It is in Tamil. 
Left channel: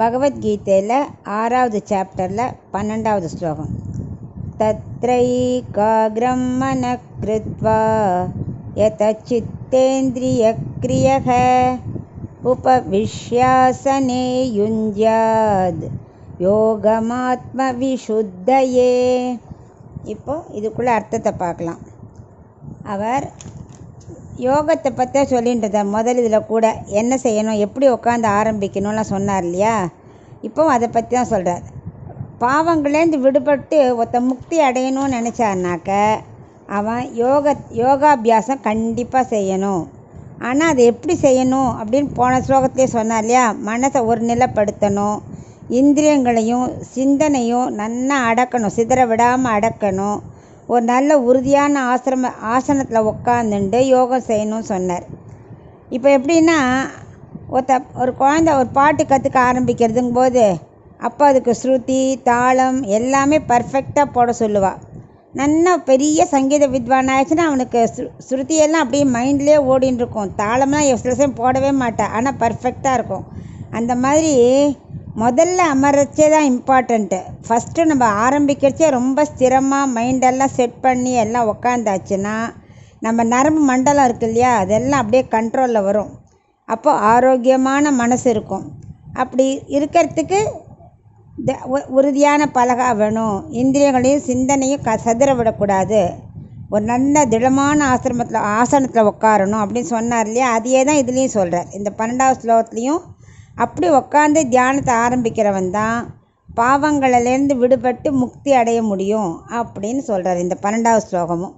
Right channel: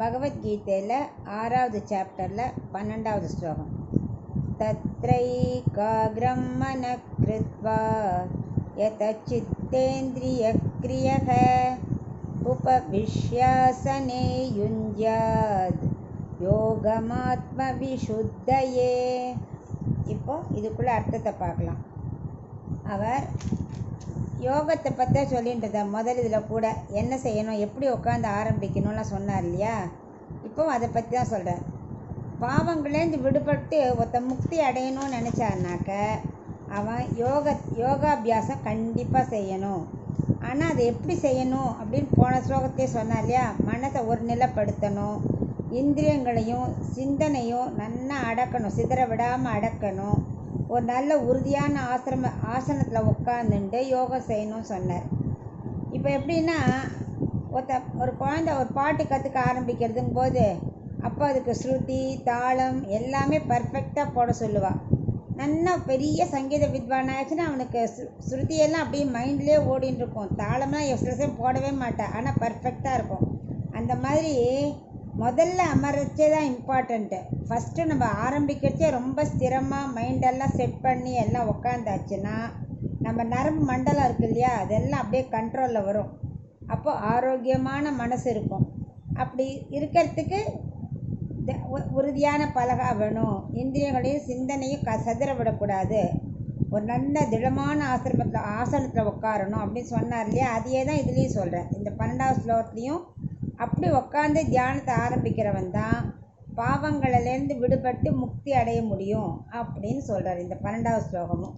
பகவத்கீதையில் 6வது சாப்டரில் 12வது ஸ்லோகம். தத்ரைகாக்ரம் மனः க்ருத்வா யதசித்தேந்திரியக்ரியः உபவிஷ்யாசனே யுஞ்ஜாத் யோகமாத்ம விசுத்தயே. இப்போ இதுக்குள்ள அர்த்தத்தை பார்க்கலாம். அவர் யோகத்தை பற்றி சொல்லிட்டு முதல் இதில் கூட என்ன செய்யணும், எப்படி உட்காந்து ஆரம்பிக்கணும்லாம் சொன்னார் இல்லையா. இப்போ அதை பற்றி தான் சொல்கிறார். பாவங்களேருந்து விடுபட்டு ஒருத்த முக்தி அடையணும்னு நினச்சான்னாக்க அவன் யோகாபியாசம் கண்டிப்பாக செய்யணும். ஆனால் அதை எப்படி செய்யணும் அப்படின்னு போன ஸ்லோகத்திலே சொன்னார் இல்லையா. மனசை ஒரு நிலைப்படுத்தணும், இந்திரியங்களையும் சிந்தனையும் நன்னா அடக்கணும், சிதற விடாமல் அடக்கணும், ஒரு நல்ல உறுதியான ஆசனத்தில் உட்காந்துட்டு யோகம் செய்யணும்னு சொன்னார். இப்போ எப்படின்னா ஒரு குழந்தை ஒரு பாட்டு கற்றுக்க ஆரம்பிக்கிறதுங்கும் போது அப்போ அதுக்கு ஸ்ருதி தாளம் எல்லாமே பர்ஃபெக்டாக போட சொல்லுவாள். நல்லா பெரிய சங்கீத வித்வான் ஆயிடுச்சுன்னா அவனுக்கு ஸ்ருதியெல்லாம் அப்படியே மைண்ட்லேயே ஓடின்னு இருக்கும். தாளம்லாம் சில சமயம் போடவே மாட்டாள், ஆனால் பர்ஃபெக்டாக இருக்கும். அந்த மாதிரி முதல்ல அமர்றச்சே தான் இம்பார்ட்டண்ட்டு. ஃபஸ்ட்டு நம்ம ஆரம்பிக்கிறச்சே ரொம்ப ஸ்திரமாக மைண்டெல்லாம் செட் பண்ணி எல்லாம் உக்காந்தாச்சுன்னா நம்ம நரம்பு மண்டலம் இருக்கு இல்லையா, அதெல்லாம் அப்படியே கண்ட்ரோலில் வரும். அப்போது ஆரோக்கியமான மனசு இருக்கும். அப்படி இருக்கிறதுக்கு உறுதியான பலகா வேணும். இந்திரியங்களையும் சிந்தனையும் சதுர விடக்கூடாது. ஒரு நல்ல திடமான ஆசனத்தில் உட்காரணும் அப்படின்னு சொன்னார் இல்லையா. அதையே தான் இதுலேயும் சொல்கிறார். இந்த 12வது ஸ்லோகத்துலேயும் அப்படி உட்காந்து தியானத்தை ஆரம்பிக்கிறவன் தான் பாவங்களிலேருந்து விடுபட்டு முக்தி அடைய முடியும் அப்படின்னு சொல்கிறார் இந்த 12வது ஸ்லோகமும்.